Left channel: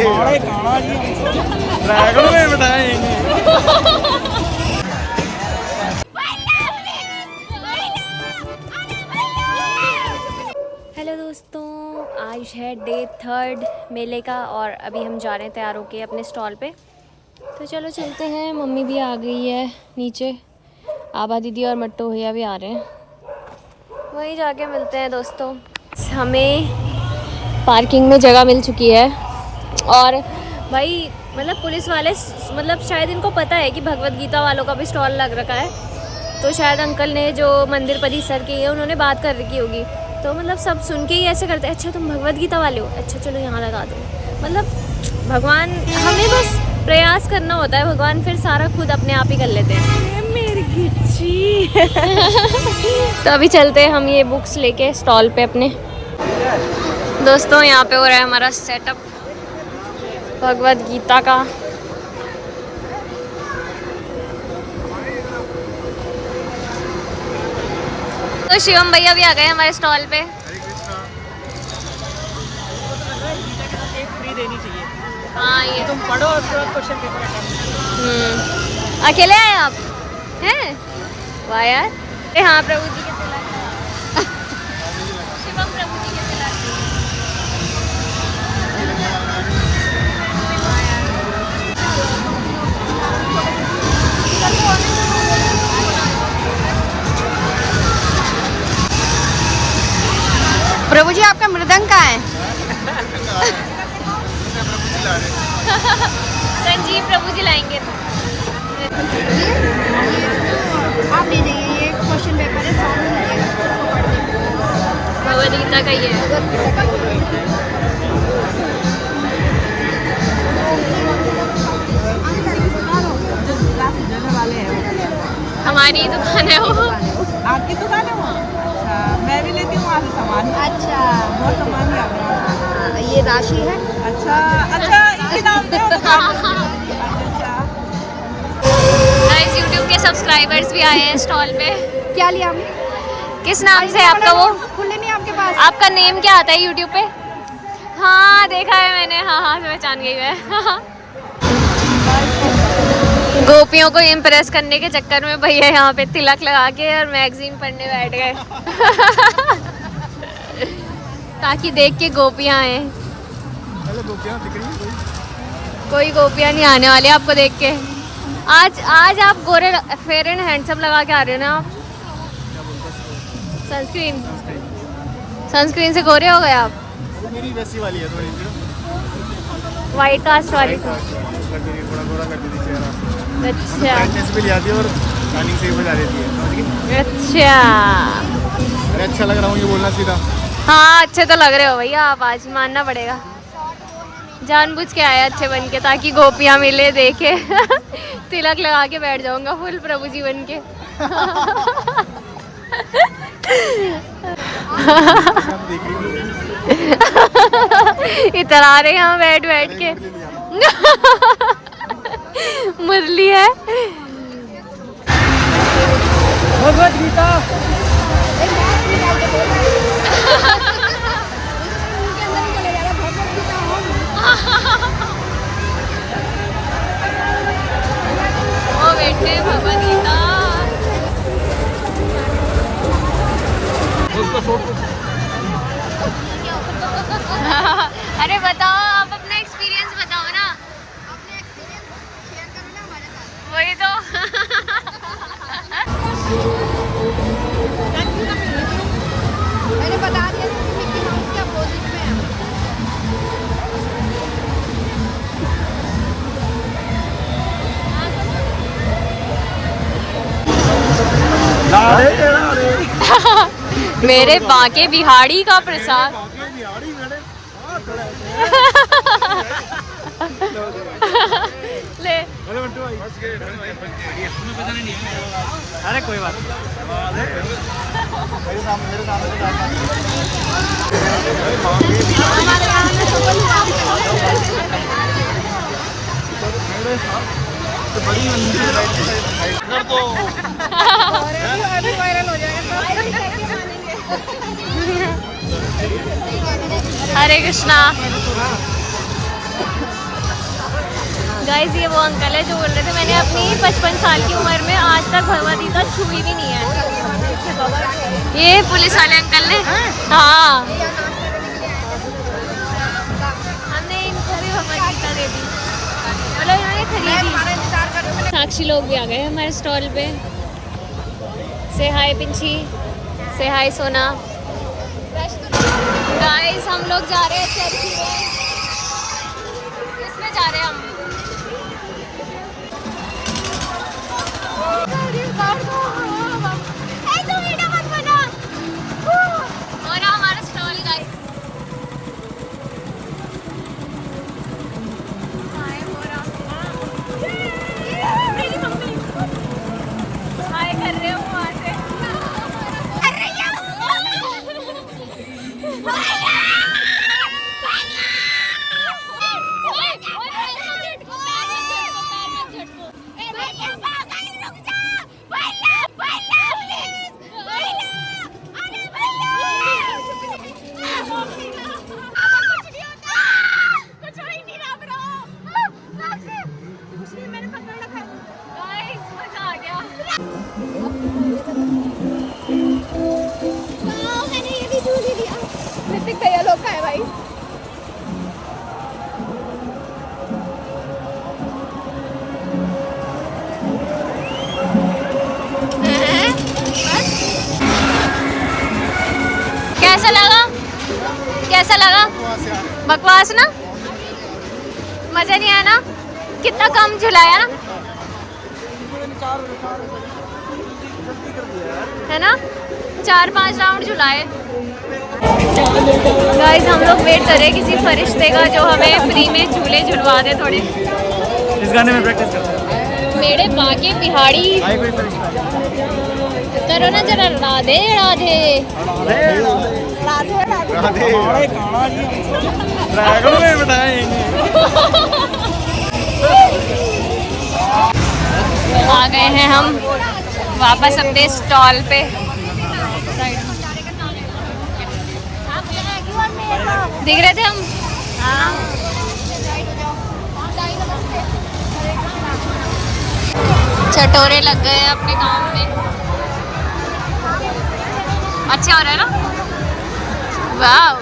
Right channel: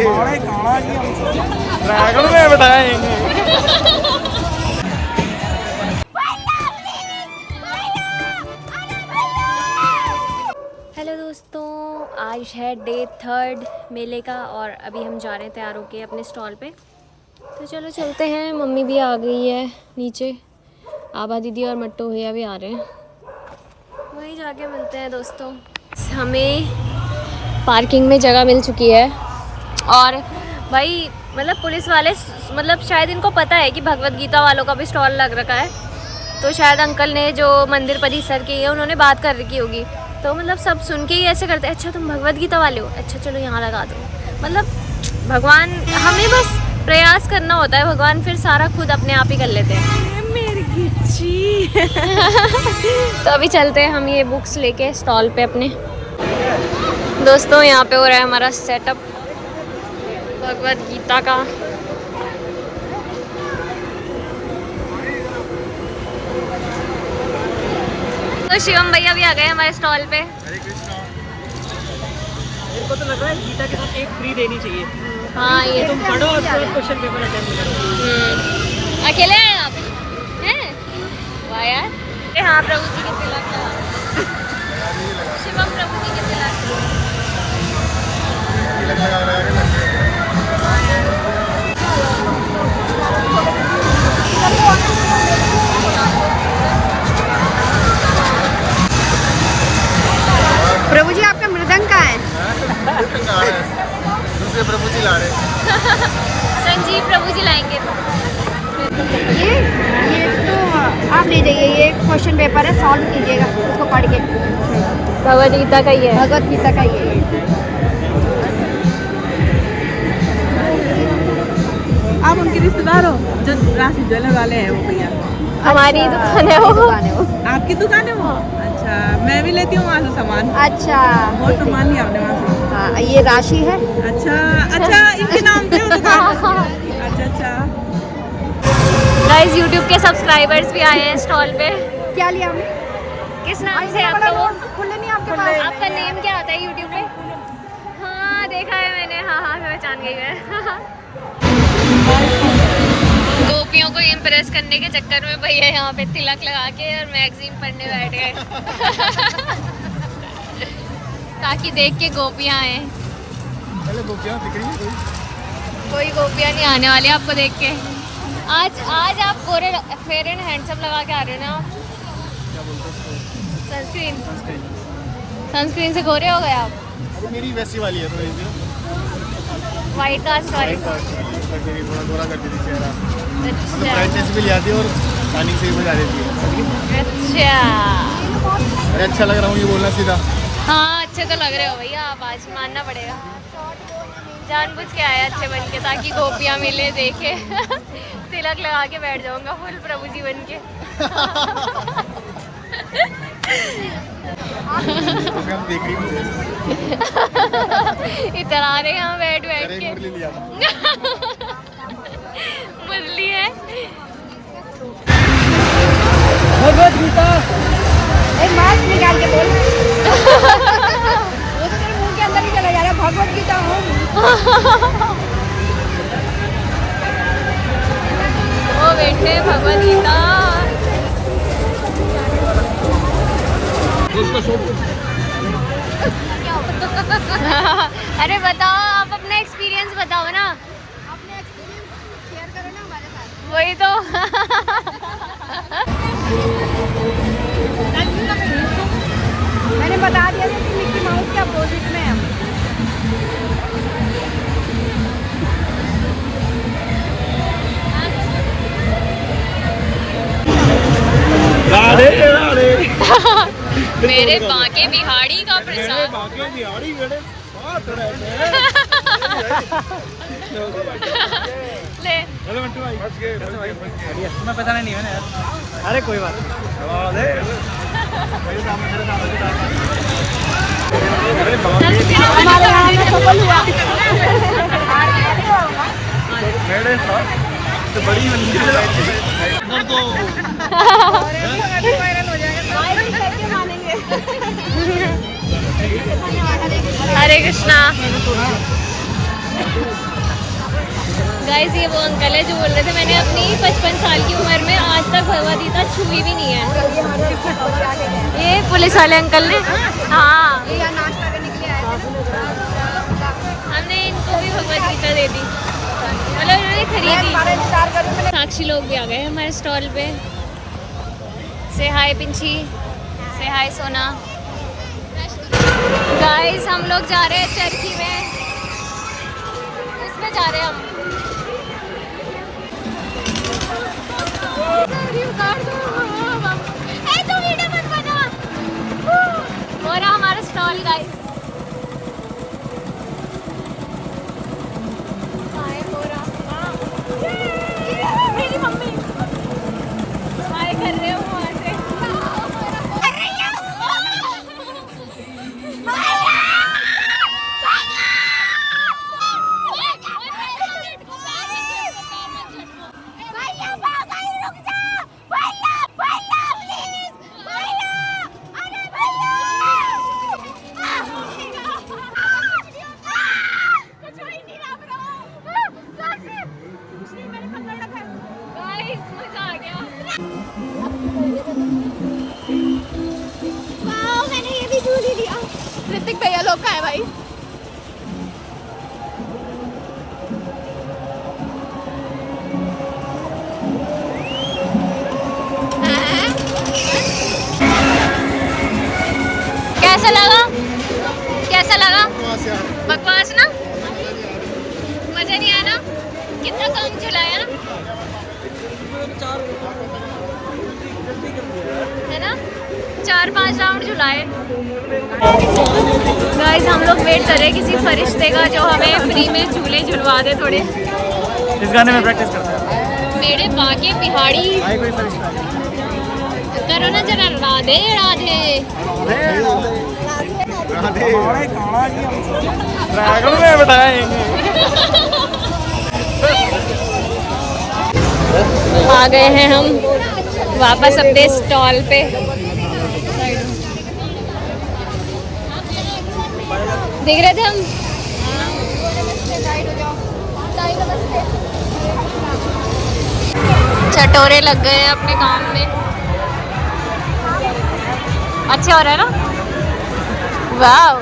Dragon में बैठाएंगे। Hello दोस्तों, आज है डे 3 मेले का और अभी हम जा रहे हैं तैयार होके अपने स्टॉल पे। तो चलो चलते हैं। मम्मी भी आ गई है नीचे, आभा दीदी और मट्टू भैया भी आ रहे हैं। वहीं जाके मिलते हैं दोस्तों। हमें पार्किंग में जगह मिल चुकी है और भाई मतलब पुलिस वाले मतलब शायद इनको पता है कि भगवत गीता वालों का भी स्टॉल लग रखा है, तो शायद अंकल ने जो मंदिर परिसर के है उन्होंने बात कर रखी होगी, तो मतलब सब सुन के ही ऐसे करते हैं, अच्छा तुम भगवत गीता वाले हो, अच्छा चलो यहाँ लगा दो। मतलब भगवान, हमें बस प्रयास करना होता है, भगवान फिर सारा खुद अपने आप ही कर लेते हैं। मेरी गिच्ची। तो अभी चलते हैं हम ये बुक्स लेके स्टॉल पे अपने। दोस्तों यहाँ पे हो रहा है हमारा सेटअप भगवत गीता का। तो शिवम भैया भी आ गए हमारे स्टॉल पे। हरे कृष्णा। तो लग रहा है गीता के साथ एक फ्री देनी चाहिए। हाँ ये तुम पढ़ो और क्वेश्चन पेपर अटेम्प्ट करो। अकेले आए आप हैं? वाह यार। हाँ प्रभु जी के तिलक लगा। शिवम प्रभु जी के तिलक लगा। प्रभु जी आपका मृदंग कहाँ है? दूसरे प्रभु जी ला रहे। संजीव प्रभु जी लाएंगे। ये तो आप ले जाइए, ये क्वेश्चन पेपर है, सॉल्व कीजिएगा उसको पढ़ के। भगवद गीता का ही है। भगवद गीता का ही है। आप उनके रिश्तेदार हो जो राशि ज्वेलर वाले हैं वो भैया? हमारी दुकान है वो। आपकी दुकान है वो? अच्छा, मैं भी लेती हूँ वहाँ से सामान। अच्छा, बहुत सामान ही आपने वहाँ से। हाँ, ये राशि है। अच्छा अच्छा, इनके नाम पे हो दुकान? अच्छा अच्छा। गाइस यूट्यूब के सब्सक्राइबर्स भी आए हैं स्टॉल पे। क्या लिया हमने? किस नाम से आपका वो? खुले नहीं आपके पास? आपका नेम क्या आता है यूट्यूब पे? हाँ देखा है मैंने, हाँ हाँ पहचान गई मैं। गोपियों को इम्प्रेस करने के चक्कर में भैया यहाँ पे तिलक लगा के और मैगजीन पढ़ने बैठ गए। ताकि देख के गोपियाँ आए। पहले गोपियाँ दिख रही है कोई गोपियाँ नहीं आने वाली आपको देख के। आज आप गोरे फेयर एंड हैंडसम लगा के आ रहे हो ना? क्या बोलते हो? सनस्क्रीन। सनस्क्रीन से गोरे हो गए आप? अरे मेरी वैसी वाली है थोड़ी सी, वाइट कास्ट वाली। थोड़ा गोरा कर देती चेहरा। अच्छा। मतलब ब्राइटनेस भी ले आती है और टाइमिंग से भी बजा देती है, समझ गई? अच्छा। अरे अच्छा लग रहा हूँ ये बोलना सीधा। हाँ अच्छे तो लग रहे हो भैया आप, आज मानना पड़ेगा। जानबूझ के आया अच्छे बन के ताकि गोपियाँ मिले देखे। तिलक लगा के बैठ जाऊंगा फुल प्रभु जी बन के। हम देख रही हूँ इधर आ रहे हैं हम बैठ बैठ के। मुरली है। भगवत गीता। मुंह के अंदर भी चला जाएगा, भगवत गीता हो। वो बैठे भगवत गीता। अरे बताओ, आप अपना एक्सपीरियंस बताओ ना। अपने एक्सपीरियंस शेयर करो ना हमारे साथ। वही तो। मैंने बता दिया मिक्की माउस के अपोजिट में है। राधे राधे। मेरे बाके बिहाड़ी का प्रसाद। बाके बिहाड़ी मेरे साथ रहते हैं। ले हेलो मंटू भाई, कैसे भाई? बढ़िया। मैं पता नहीं है ना यार। अरे कोई बात नहीं। राधे। मेरे साथ तो बड़ी मंदिर है तो। हरे कृष्णा। गाइस ये वो अंकल है जो बोल रहे थे मैंने अपनी 55 साल की उम्र में आज तक भगवद गीता छुई भी नहीं है। ये पुलिस वाले अंकल ने, हाँ हमने इनको भी भगवद गीता दे दी, मतलब इन्होंने खरीदी। साक्षी लोग भी आ गए हमारे स्टॉल पे। से हाय पिंची, से हाय सोना। गाइस हम लोग जा रहे हैं चक्की में, उसमें जा रहे हैं हम। हो रहा हमारा स्टॉल गाइस। ऋतिक भैया लोग का है भाई। कैसा लगा? कैसा लगा? बकवास ना, मजा नहीं आया ना? कितना कम झुलाया ना, है ना? 4-5 राउंड झुलाए। गाइस हम लोग वेट कर रहे हैं किसी फरिश्ते का जो हमें फ्री में झूले झुलवा दे थोड़े। इस गाने में प्रैक्टिस करते हैं। मेरे बाकी बिहाड़ी कोई फरिश्ता करो ना जरा, राधे राधे राधे ड्रैगन में बैठाएंगे। आ गए हैं हम वापस अपने स्टॉल पे। दिख रहे थे हम। चटोरे लग गए अपने काम में। अच्छा हो रहा है ना? वाओ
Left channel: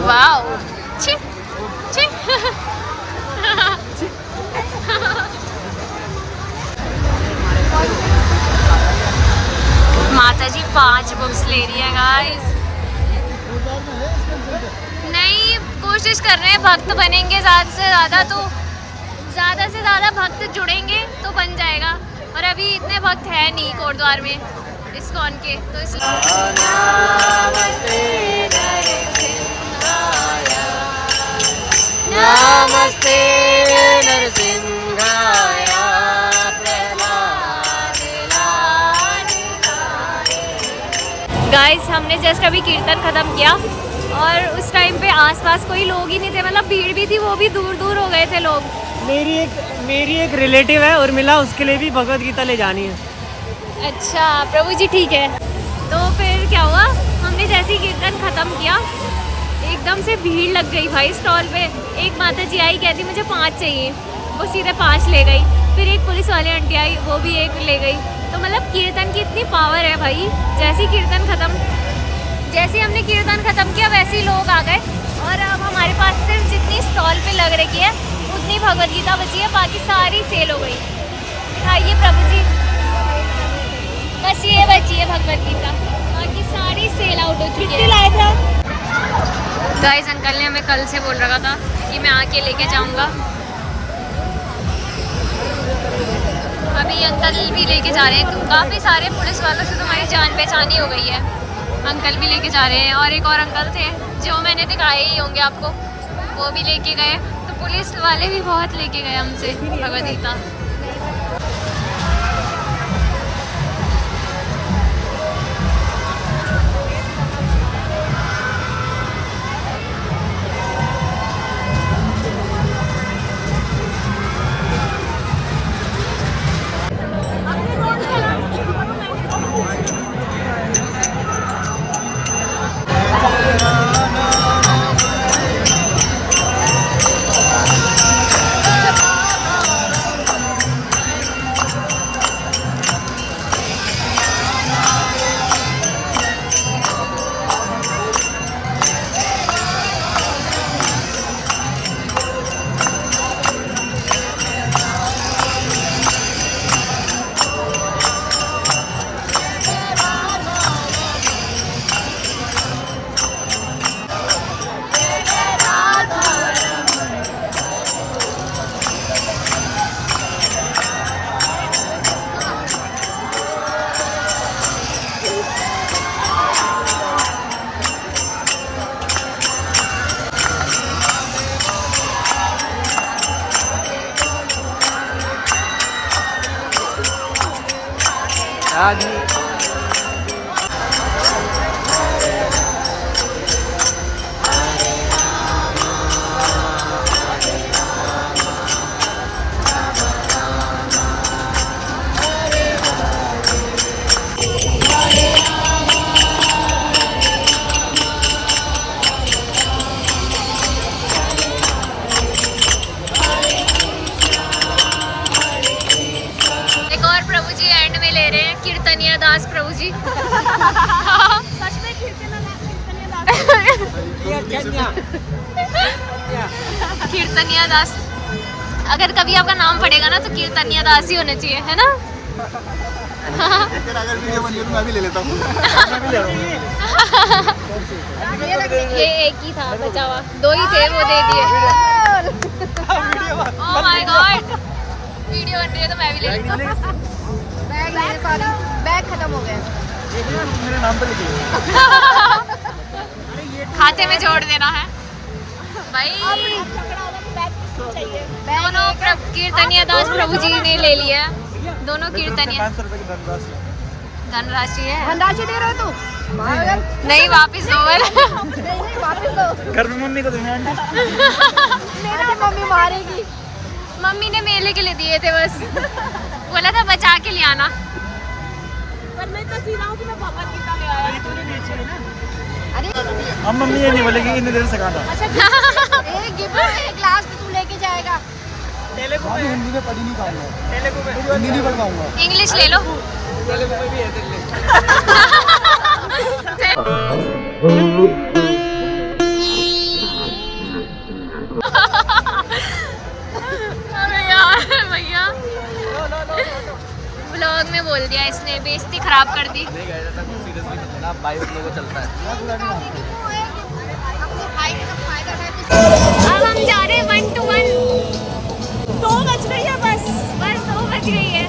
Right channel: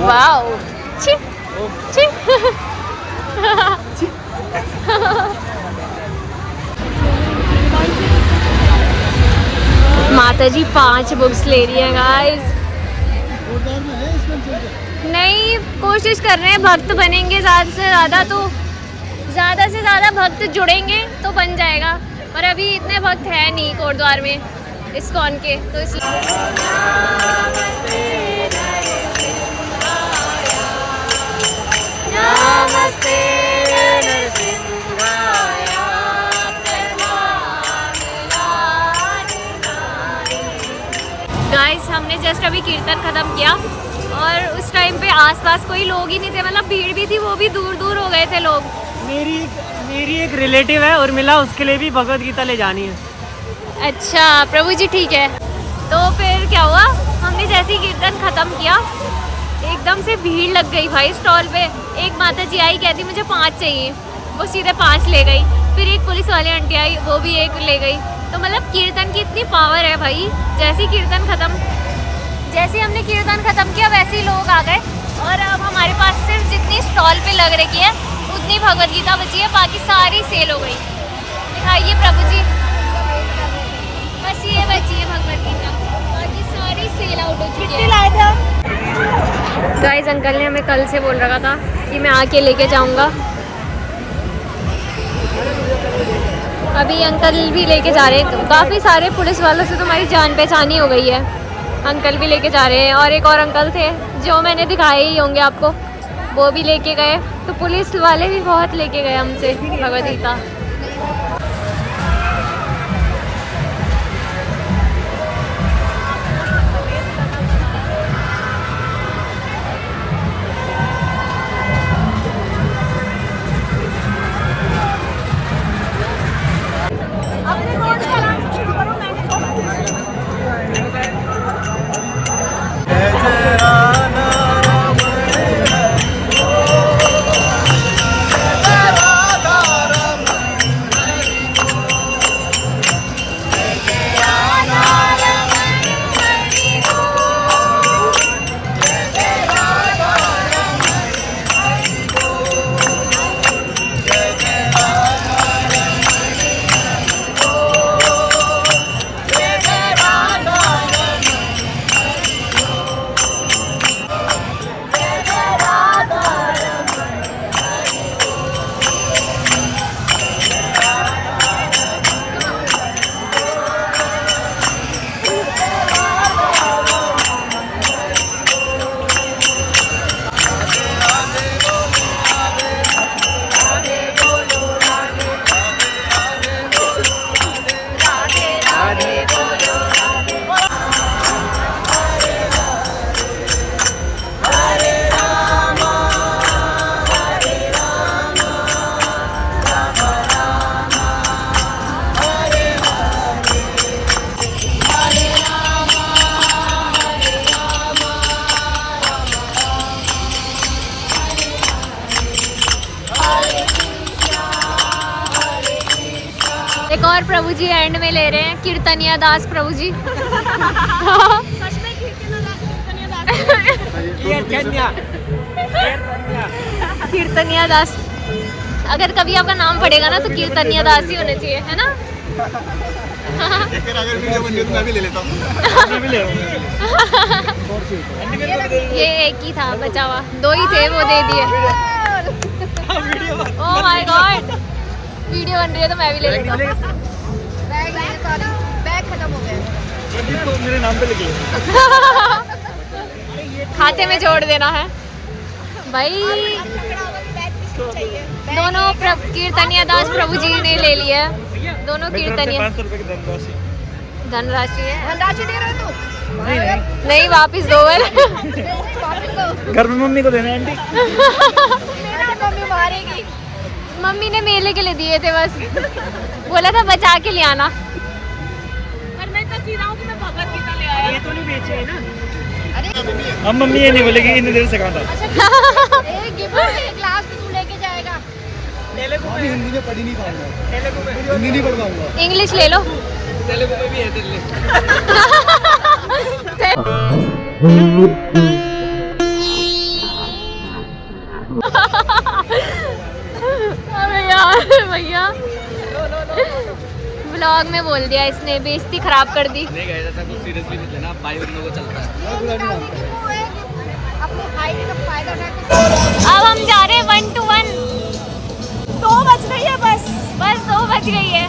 वाओ, छी छी। माता जी 5 बुक्स ले रही है गाइस। नहीं, कोशिश कर रहे हैं भक्त बनेंगे ज़्यादा से ज़्यादा, तो ज़्यादा से ज़्यादा भक्त जुड़ेंगे तो बन जाएगा। और अभी इतने भक्त है नहीं कोटद्वार में इस्कॉन के, तो इसलिए गाइस हमने जस्ट अभी कीर्तन ख़त्म किया और उस टाइम पे आसपास कोई लोग ही नहीं थे, मतलब भीड़ भी थी, वो भी दूर दूर हो गए थे लोग। मेरी एक रिलेटिव है उर्मिला, उसके लिए भी भगवद गीता ले जानी है। अच्छा प्रभु जी, ठीक है। तो फिर क्या हुआ, हमने जैसे ही कीर्तन ख़त्म किया एकदम से भीड़ लग गई भाई स्टॉल पे। एक माता जी आई, कहती मुझे 5 चाहिए, वो सीधे 5 ले गई। फिर एक पुलिस वाली आंटी आई, वो भी 1 ले गई। तो मतलब कीर्तन की इतनी पावर है भाई। जैसे हमने कीर्तन ख़त्म किया वैसे ही लोग आ गए। और अब हमारे पास सिर्फ जितनी स्टॉल पे लग रखी है उतनी भगवद गीता बची है, बाकी सारी सेल हो गई। दिखाइए प्रभु जी, बस ये बची है भगवद गीता, बाकी सारी सेल आउट हो चुकी है। गाइस अंकल ने हमें कल से बोल रखा था कि मैं आके लेके जाऊंगा। अभी अंकल भी लेके जा रहे हैं। काफ़ी सारे पुलिस वालों से तो हमारी जान पहचान ही हो गई है। अंकल भी लेके जा रहे हैं और एक और अंकल थे जो मैंने दिखाए ही होंगे आपको, वो भी लेके गए। तो पुलिस वाले भी बहुत लेके गए हमसे भगवद गीता। कीर्तनिया दास प्रभु जी। कीर्तनिया दास, अगर कभी आपका नाम पड़ेगा ना तो कीर्तनिया दास ही होना चाहिए, है ना? अगर वीडियो बन गई तो मैं भी ले लेता हूँ। मैं भी ले रहा हूँ। ये एक ही था बचा हुआ, 2 ही थे वो दे दिए। ओह माय गॉड, वीडियो बन रही है तो मैं भी ले लेता हूँ। बैग खत्म हो गया, मेरे नाम पे लिख लो। खाते में जोड़ देना है भाई। दोनों कीर्तनिया दास प्रभु जी ने ले लिया है, दोनों कीर्तनिया। 500 रुपए की धनराशि। धनराशि है? धनराशि दे रहे हो तू? नहीं नहीं, नहीं, वापिस दो बार। घर में मम्मी को देना है आंटी। मम्मी मारेगी। मम्मी ने मेले के लिए दिए थे बस, बोला था बचा के ले आना। पर मैं तो सीधा हूँ कि मैं भगवत गीता ले आया। ये तो नहीं बेचे है ना? अब मम्मी ये नहीं बोलेगी इतनी देर से कहा था। एक ग्लास भी तू लेके जाएगा। हिंदी में पढ़ ही नहीं पाऊंगा, हिंदी नहीं पढ़ पाऊंगा। इंग्लिश ले लो। तेलुगु में भी है ले। अरे यार भैया, व्लॉग में बोल दिया इसने, बेइज्जती खराब कर दी। नहीं गए था, कुछ सीरियस भी मत लेना, भाई लोगों को चलता है। मैं बुरा नहीं मानता। अब हम जा रहे हैं 1 to 1। 2 बज रही है बस 2 बज गई है।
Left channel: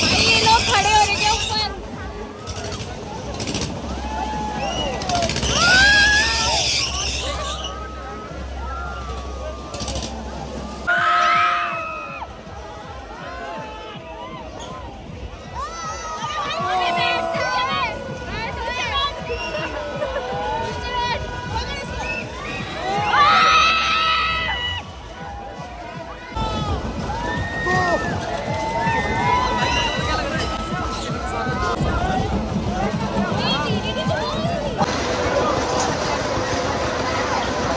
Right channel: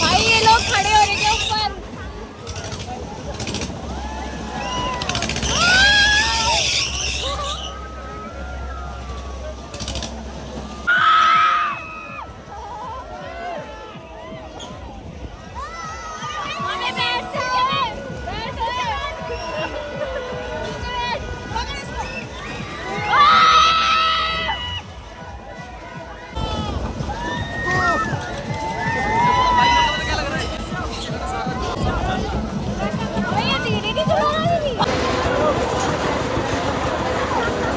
भाई ये लोग खड़े हो रहे हैं ऊपर।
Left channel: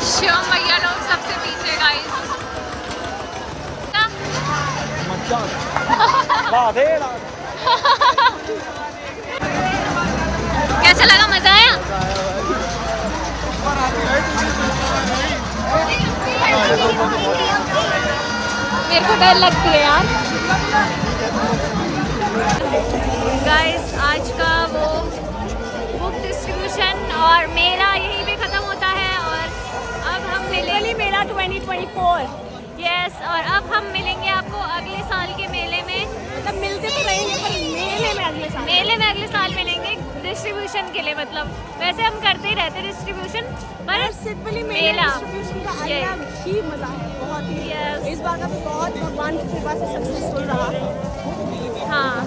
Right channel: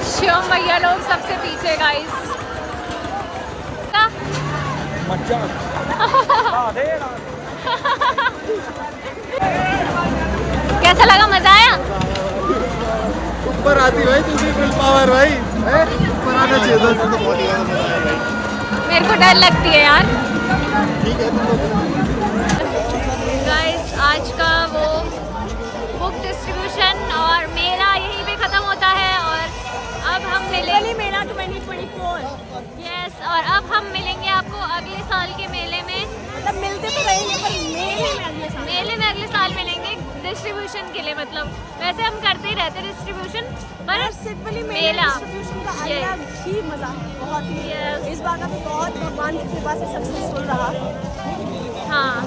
शिवम भैया लोग सबसे पीछे गाइस। कैसा लगा, मजा आया? ऊपर आती भाई तुझे फुल पावर भाई। मेरे को डर लगती है यार। ठीक है तुम लोग। गाइस आज का वो बुक डिस्ट्रीब्यूशन और मेला यहीं पे ख़त्म होता है और अब हम मिलेंगे मेला 2024। यस, और अब हम मिलेंगे आपको अगले साल के मेले में। मतलब मिलते तो रहेंगे पर मेले में अगले साल मिलेंगे डिस्ट्रीब्यूशन के लिए। मतलब वैसे हम करते ही रहते डिस्ट्रीब्यूशन, पर सिंपली मेला डिस्ट्रीब्यूशन का अलग ही मजा है, बहुत ही। Yes. इस बार का तो बहुत भगवान की कृपा से सक्सेसफुल रहा। हाँ,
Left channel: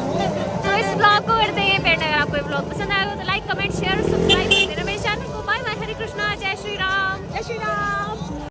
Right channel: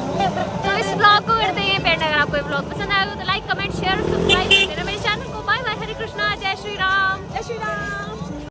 तो इस ब्लॉग को करते हैं पेंड। अगर आपको ये ब्लॉग पसंद आएगा तो लाइक, कमेंट, शेयर और सब्सक्राइब कर देना मेरे चैनल को। बाय बाय, हरे कृष्णा, जय श्री राम। जय श्री राम।